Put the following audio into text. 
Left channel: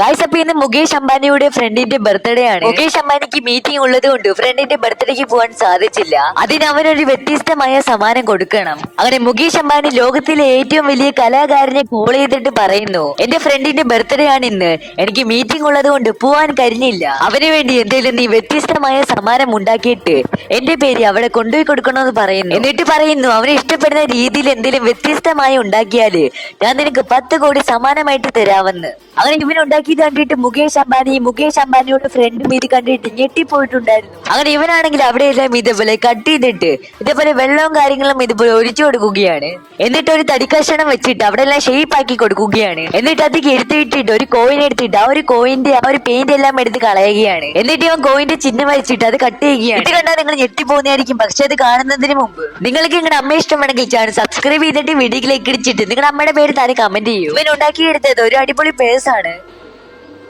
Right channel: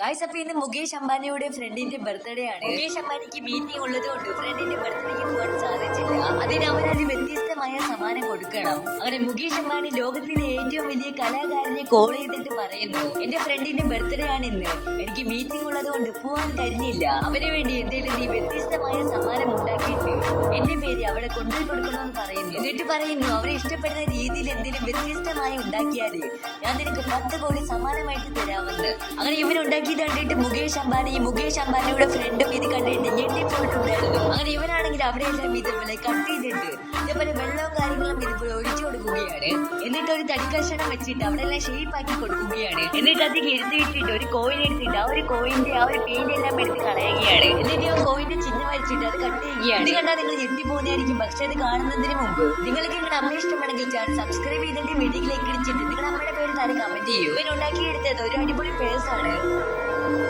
Guys, അപ്പൊ ഇന്ന് മുകേഷ് അംബാനിയുടെ ഫ്രണ്ടിന്റെ ബർത്ത്ഡേ ആണ്. മുകേഷ് അംബാനിക്ക് മീറ്റിംഗ് ഉള്ളത് കൊണ്ട് ഫ്രണ്ടിന്റെ ബർത്ത്ഡേക്ക് പോകാൻ സാധിച്ചില്ല. അതിന് അവനൊരു വ്യത്യസ്തമായ സമ്മാനം കൊടുക്കണം. അങ്ങനെ മുകേഷ് അംബാനി ലോകത്തിലെ ഏറ്റവും വലിയ കലാകാരനെ കോൾ ചെയ്തിട്ട് പറയുന്നു, എന്റെ ഫ്രണ്ടിന്റെ ബർത്ത്ഡേ ആണ് ഇന്ന്, എനിക്ക് മീറ്റിംഗ് ഉള്ളത് കൊണ്ട് പോവാൻ കഴിഞ്ഞില്ല. അവന് വേണ്ടി എന്തെങ്കിലും നീ വ്യത്യസ്തമായ സമ്മാനം ഉണ്ടാക്കിയിട്ട് എന്റെ പേര് അവിടെ കൊണ്ടുപോയി കൊടുക്കണമെന്ന് പറയുന്നു. എന്നിട്ട് പറയുന്നു, അവന് ഇഷ്ടപ്പെടുന്ന രീതിയിൽ എന്തെങ്കിലും വ്യത്യസ്തമായി ഉണ്ടാക്കിയാല് ഞാൻ നിനക്ക് 10 കോടി സമ്മാനമായിട്ട് തരാമെന്ന്. അങ്ങനെ ഇവനുണ്ടാക്കിയത് കണ്ടിട്ട് മുകേഷ് അംബാനിയുടെ ഫ്രണ്ടും ഇത് കണ്ടിട്ട് ഞെട്ടിപ്പോയിട്ടുണ്ടായിരുന്നു. അങ്ങനെ ഇവനാണെങ്കിൽ അവിടെയെല്ലാം ഇതേപോലെ കട്ട് ചെയ്തിട്ട് ഇതേപോലെ വെള്ളവും കാര്യങ്ങളും ഇതുപോലെ ഒഴിച്ചു കൊടുക്കുകയാണ്. എന്നിട്ട് ഒരു തടിക്കഷണം വെച്ചിട്ട് അവിടെ എല്ലാം ഷേപ്പ് ആക്കി കൊടുക്കുകയാണ്. എന്നിട്ട് അത് എടുത്തിട്ടിട്ട് ഒരു കോയിൻ എടുത്തിട്ട് ആ ഒരു കോയിന്റെ ആ ഒരു പെയിന്റ് എല്ലാം എടുത്ത് കളയുകയാണ്. എന്നിട്ട് അവൻ കോയിന്റെ ചിഹ്നം വരച്ചിട്ട് അത് കട്ട് ചെയ്യുകയാണ്. ഇത് കണ്ടാൽ നിങ്ങൾ ഞെട്ടിപ്പോകുന്നതായിരിക്കും. പക്ഷെ അത് കാണുന്നതിന് മുമ്പ് നിങ്ങൾക്ക് നിങ്ങളുടെ അമ്മ ഇഷ്ടമാണെങ്കിൽ ചാനൽ സബ്സ്ക്രൈബ് ചെയ്തിട്ട് വീഡിയോയിലേക്ക് ഇടിച്ചിട്ട് നിങ്ങളുടെ അമ്മയുടെ പേര് താഴെ കമന്റ് ചെയ്യൂ. ഇവൻ ഉണ്ടാക്കിയെടുത്തത് ഒരു അടിപൊളി പേഴ്സ് ആണ്.